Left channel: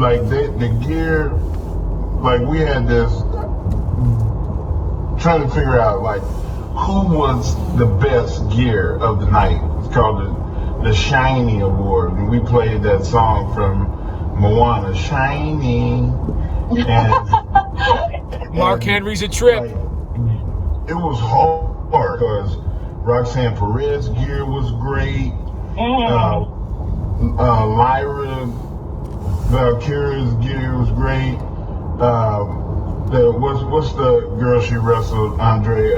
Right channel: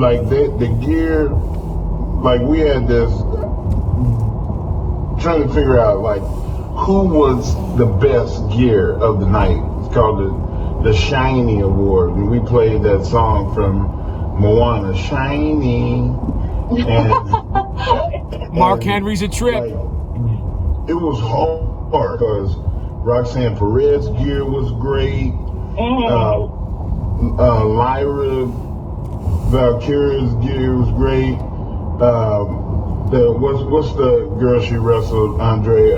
Like the gear, like we had this trying to figure out like who was the best gear of the night. It's called the Shiny Award, and we played that song from Moana, Shiny, and Mark Henry's a trip. Like, it was hard because Roxanne Perez's gear was great. Lyra Valkyria's gear was great. What's the girl she wrestled? Andre.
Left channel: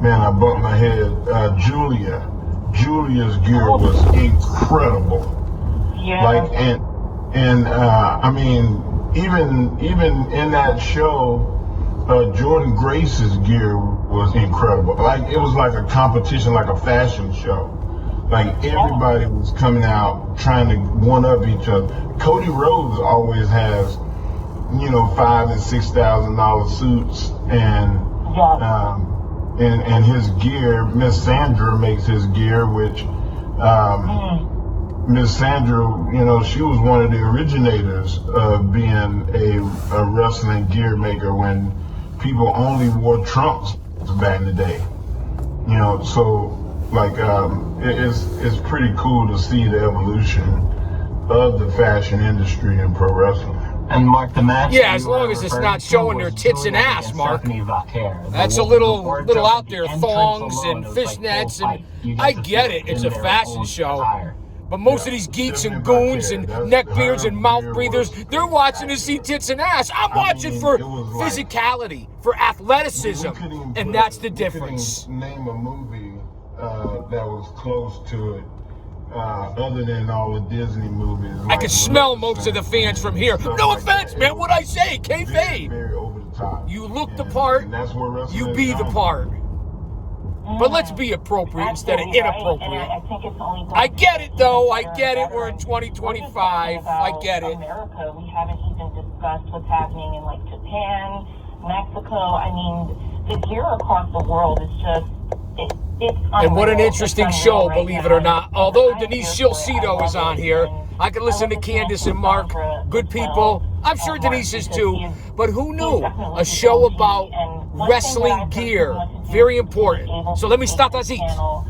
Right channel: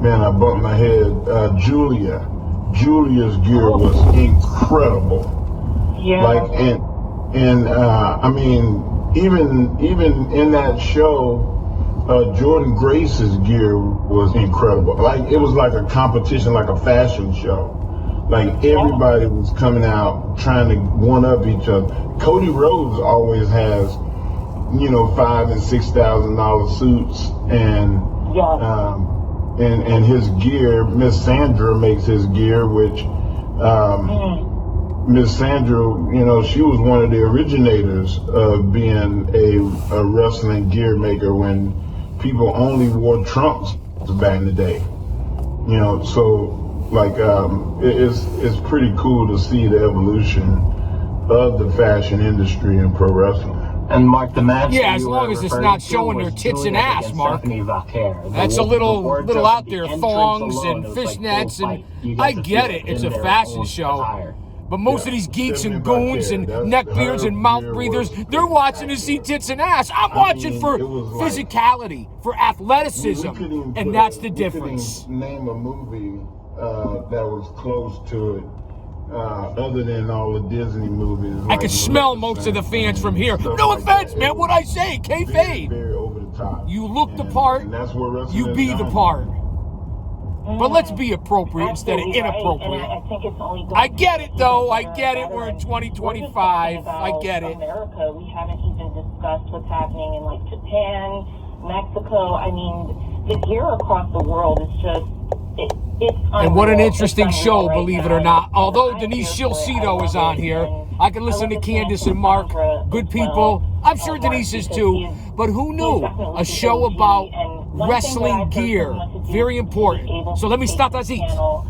Man, I bumped my head. Julia's gear was incredible. Yeah. Like and I mean, even in that show, Jordan Grace's gear was incredible. Like it was like a competition, like a fashion show. Like everybody was coming out trying to one up each other. Cody Rhodes always has, $5,000 and $6,000 suits, and his gear. Miss Sandra makes his gear, which Miss Sandra, she was one of the originators of being a wrestling gear maker when people only wore trunks back in the day. So like it's pretty cool to see the evolution of the fashion industry in pro wrestling. And Mark, the match. Yeah, as long as it's not showing their tits and ass, Mark. That's a little out there, thongs and fishnets, and I get it. It's a fashion show. But most of these geeks and goons and neckbeards and mouth breathers, they're watching to see tits and ass. I'm watching for physicality, for athleticism, and that's the difference. Name a movie that was close to it, other than all the Disney movies. I could smell most of the fans from here. No offense, man. What I say, kayfabe. Very over the top. You look the part, you be the part. But let's be appropriate instead of inappropriate. I get it, though. I get it. We're in 2025. I get it. America, we haven't even discussed what's happening in like Japan, Mexico. I mean, the gear across the world is just it's and what an interesting show, believe it or not. Although Denise Shilcito is on here, I can listen to Candace and Mark. Good people. I'm sure Denise is too. But who knew? A show about wrestling gear. Very important. So let me start that seat. To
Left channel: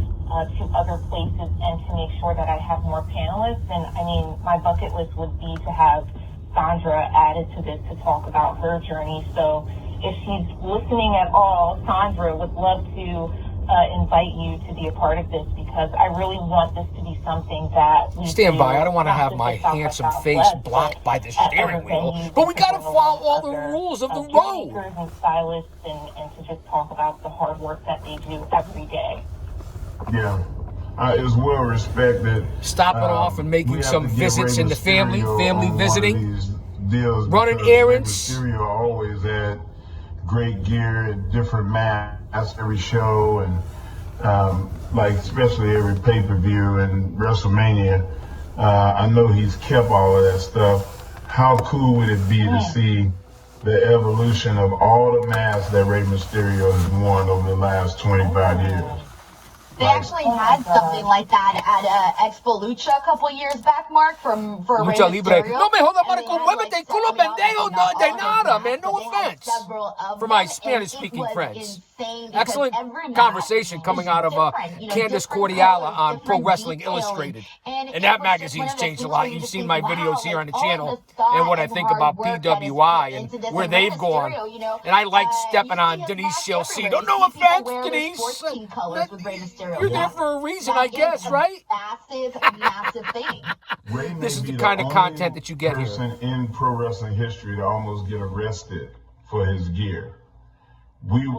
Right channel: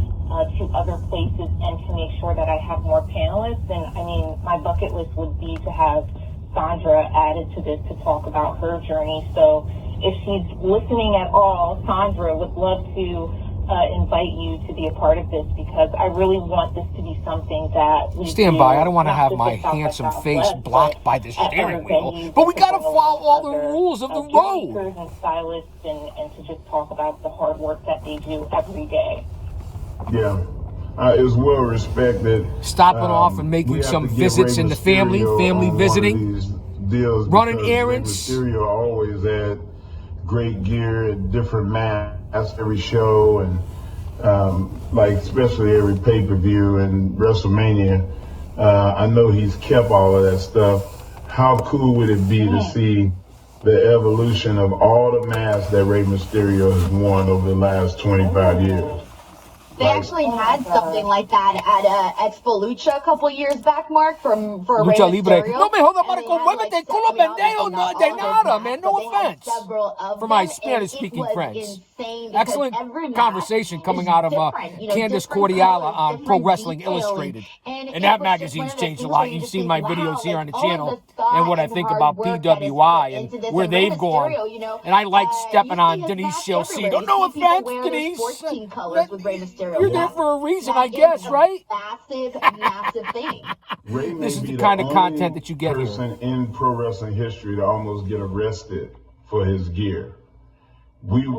other places and to make sure that I have more panelists. And I mean, my bucket list would be to have Sandra added to this to talk about her journey. So if she's listening at all, Sandra would love to invite you to be a part of this, because I really want this to be something that we stand by. I don't want to have my handsome face blocked by the steering wheel, but we got to follow all the rules of the road. And stylists and to just talk about the hard work that they do every day. Yeah. It's well respected. Stopping off and making some visits in the family visiting, running errands. Mysterio always had great gear at different masks every show, and like especially every pay-per-view and WrestleMania. I know he's kept all of that stuff. How cool would it be to see the evolution of all the masks that Rey Mysterio has worn over the last 25 years? They actually had something like that at Expo Lucha a couple years back, Mark, for Lucha Rey Libre. Mysterio. No me jodas, Marco, muévete, culo pendejo, no de nada, man, no offense. For my Spanish-speaking friends. Excellent conversation coming out of Candace Cordiala on Pro Wrestling Illustrated. And that magazine's changed a lot. You've seen my videos here on the channel and what I think about PWI and where they've gone. And I like stepping on Denise Shilcito. No offense, Denise. You're there for a reason, I guess, right? Massive thing. This is the kind of content that you get here. Person in pro wrestling history to almost get arrested for his gear. We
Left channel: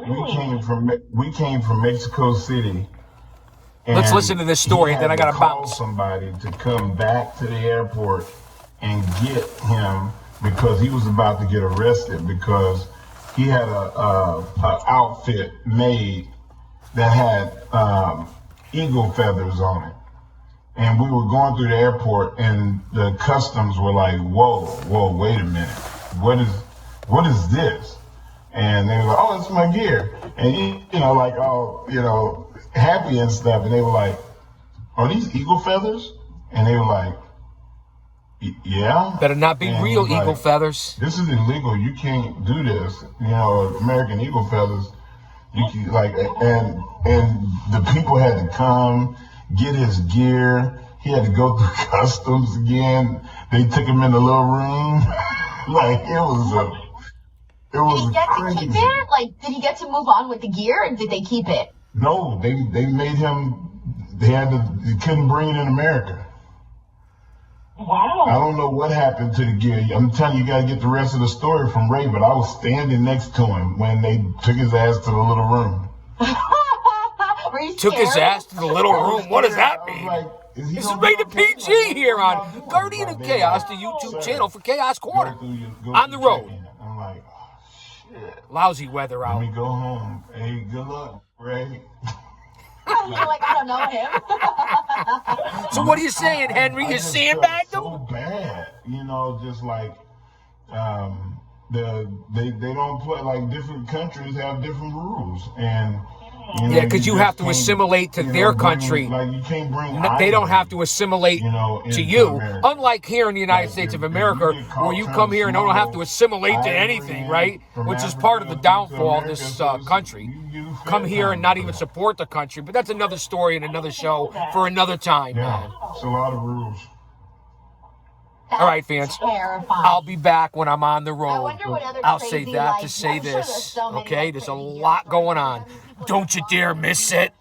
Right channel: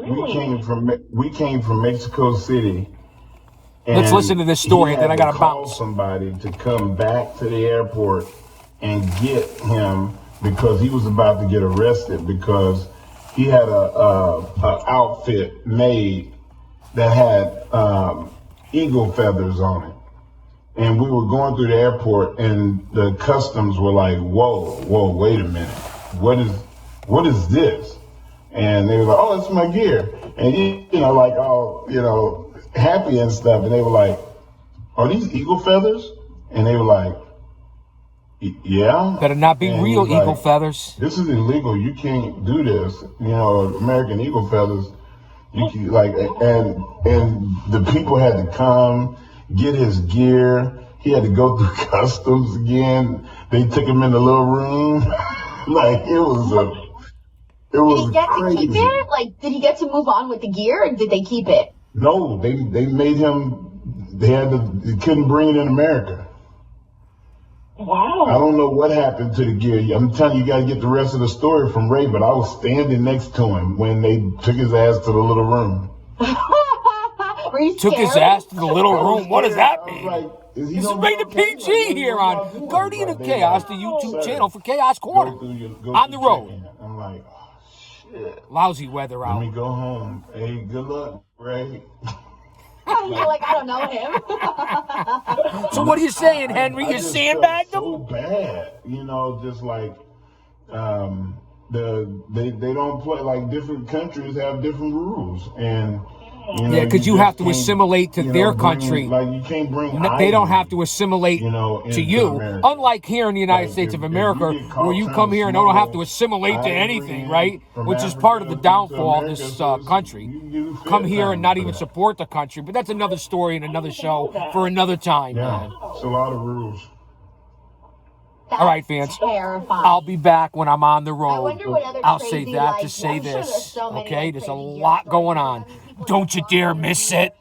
came from Mexico City. Let's listen to this story, and then I gotta bounce. Somebody to come back to the airport and get him because he was about to get arrested because he had a outfit made that had eagle feathers on it. And we were going through the airport, and the customs were like, whoa, wait a minute. What is this? And they were like, oh, it's my gear. And he, like all, happy and stuff. And they were like, are these eagle feathers? And they were like, Yeah. Better not be And real he's eagle like, feathers. this is illegal. You can't do this. You know, American eagle feathers. You can, like, and the people had to come get his gear. He had to go through customs again. They took him in the little room. Like it was Did he get crazy. to keep it? Like, did he get to move on with the gear, or did they keep it? No, they made him. They couldn't bring it in America. Wow. I don't know what happened to the gear. I'm telling you, you got to get the rest of the story from Ray. But I was standing next to him when they took his ass to the little room. Were you Took his scared? ass to the little room. What does that I was mean? like, is he This is gonna- rated PG here on Guardian of Chaos, the YouTube channel for Chaos Corner. Go On through the road. check-in. I'm like, oh, shit. Lousy weather Let me out. go home. Hey, good luck, Ray. You're like, I don't know him. So what are you saying, Henry? You just sandbagged felt him? so bad, you know, just like they don't play, like different countries have different rules, and you know, Yeah, because you just have to can't, assimilate to you know, their bring- country. Like you can't bring. They don't ivory, have to assimilate you know, to into you. America. Unlike here in the United Like, States of if America, you get caught where you trying come to here and don't have to smuggle assimilate to ivory anything, in right? from Which is Africa part of the to downfall of America, this so it's- country. you Come fed here time and not for even that. support the country. But that's another story and another show for another time, Yeah, man. it's a lot of rules. All right, fans. Terrifying. I'll be back when I'm on the I road. wonder what other I'll say crazy, that like, to I'm say sure there's this. so many, Okay, like, there's a crazy lot stories going that on. people Don't you dare miss it.